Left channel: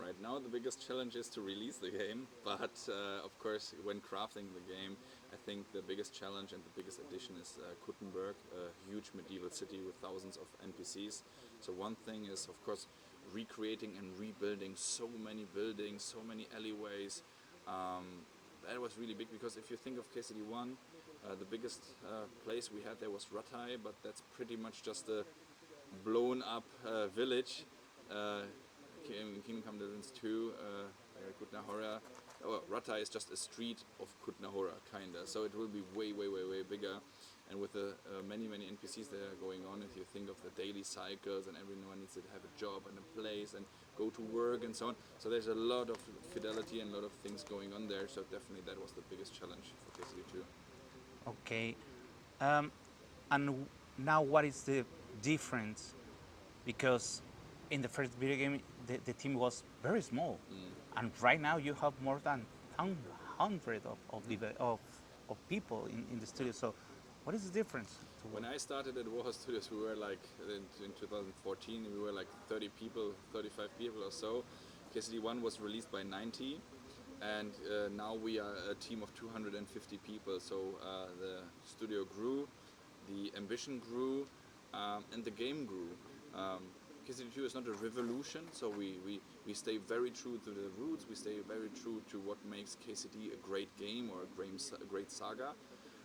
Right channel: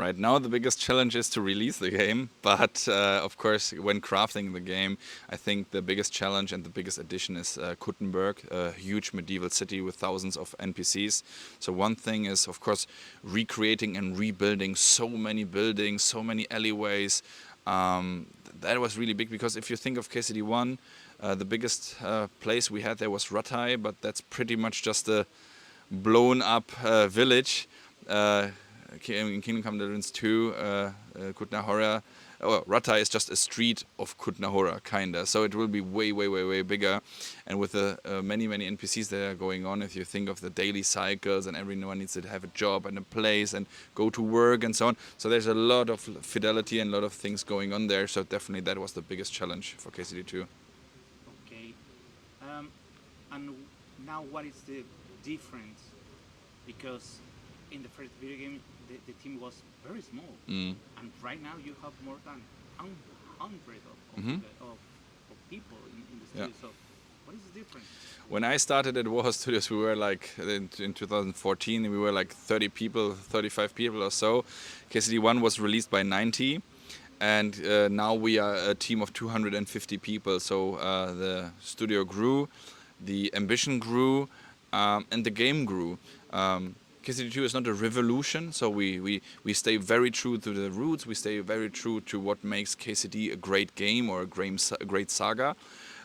Right now, the biggest challenge is to release the game, but of course, when crafting the game, I think the biggest challenge and the biggest addition is Kuttenberg, a huge medieval city with thousands of NPCs. So one thing is, of course, recreating and rebuilding so many buildings, so many alleyways. That was really big because if you think of KCD1, the biggest place we had there was Rattay, but that's pretty much just a blown up village. In Kingdom Come Deliverance 2, Kutná Hora, Rattay is just a street of Kutná Hora, kinda. So it will be way, way, way, way bigger. And with the many, many NPCs that are going on, if you think of the daily cycles and everyone needs to have a job and a place and go to work and so on. So there's a lot of fidelity and a lot of things going on there. So definitely that was the biggest challenge for KCD2. Okay. And now what is the difference? Because in the first video game, the team was very small, and right now you have more than 100 of people in the studio. So, what is the difference? When I started at Warhorse Studios, we were like in 2014, we were like 30 people, 35 people or so. KCD1 was released by 90, and now we are a team of 250 people. So the studio grew, the ambition grew, and the game grew. KCD2 is not a revolution, so we stay very true to the roots, we stay very true to what makes KCD a great game or a great saga.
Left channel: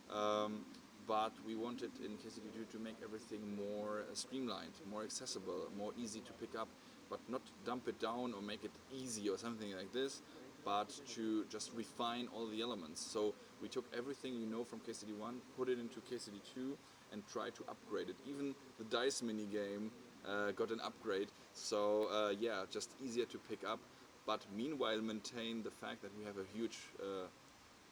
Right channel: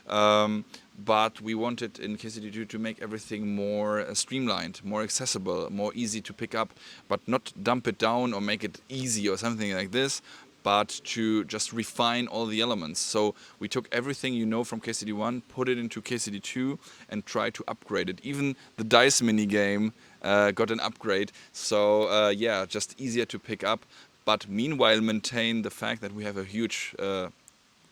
But we wanted in KCD2 to make everything more streamlined, more accessible, more easy to pick up, but not dump it down or make it easy or something like this, but to just refine all the elements. So we took everything you know from KCD1, put it into KCD2 and try to upgrade it. Even the dice mini game got an upgrade, so yeah, just easier to pick up, but meanwhile maintain the fact that we have a huge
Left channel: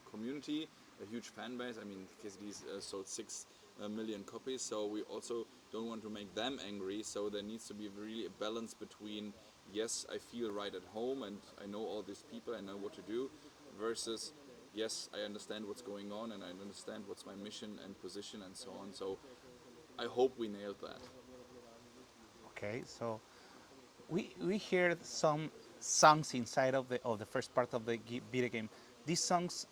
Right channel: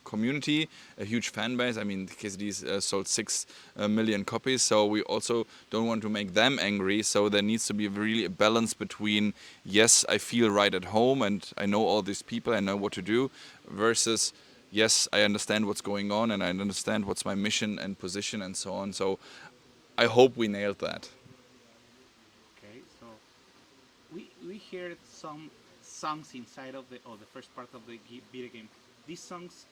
community, a huge fan base. I mean, KCD's sold 6 million copies, so we also don't want to make them angry, so there needs to be really a balance between, yes, I feel right at home and I know all these people, I know what to do, versus, yes, I understand what's going on and I understand what's my mission and position and so on. So I hope we nailed that. Okay, so we heard some songs inside of the first part of the video game. These songs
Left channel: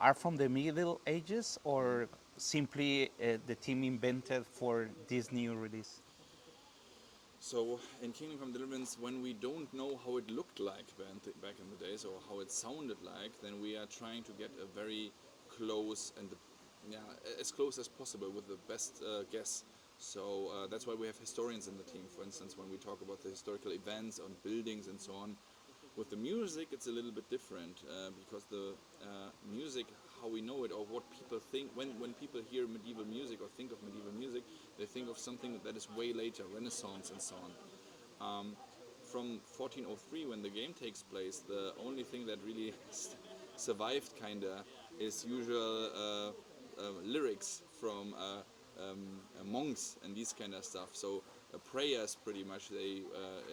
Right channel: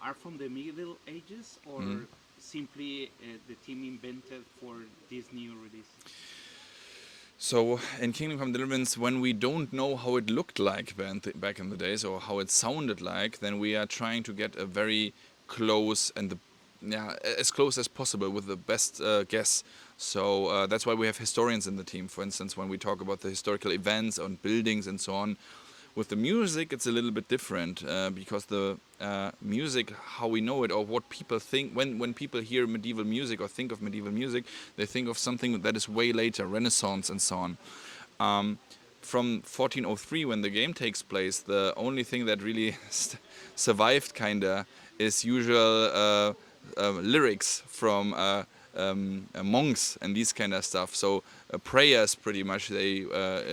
are from the Middle Ages, or simply the team invented for this new release? So in Kingdom Come Deliverance, when we don't know how it looked like back in the days or how it sounded like, then we are trying to get a very close and as close as possible with the best guess. So that's why we have historians in the team. For instance, when we talk about the historical events on buildings and so on. With the music, it's a little bit different because the music, how we know it, or what people think, when people hear medieval music or think of medieval music, they think of something that is way later, Renaissance and so on. From 1403, when the game takes place, the only thing that really survived, kinda, is usual lyrics from monks and these kind of stuff. So prayers, pretty much, they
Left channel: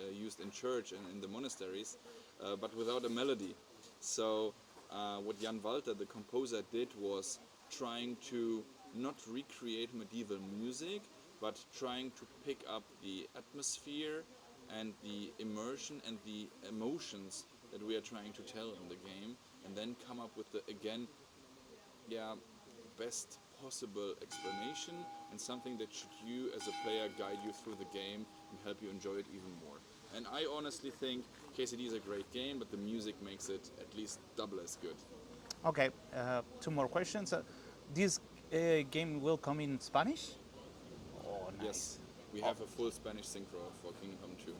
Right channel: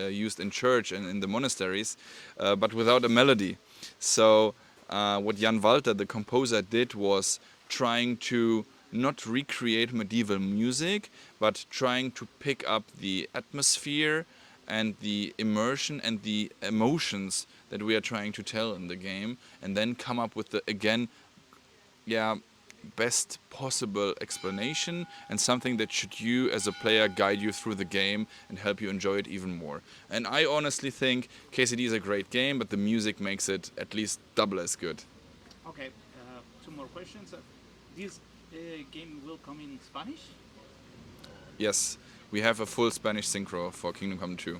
used in church and in the monasteries, but without a melody. So what Jan Walter, the composer, did was trying to not recreate medieval music, but trying to pick up the atmosphere and the immersion and the emotions that we are trying to tell in the game, and then come up with the, again, best possible explanation and something that should you as a player guide you through the game and help you enjoy it even more. And I honestly think KCD is a great game, but the music makes it at least double as good. Okay, 2 more questions. This game will come in Spanish? Yes, we have a full Spanish synchro for Kingdom Come 2.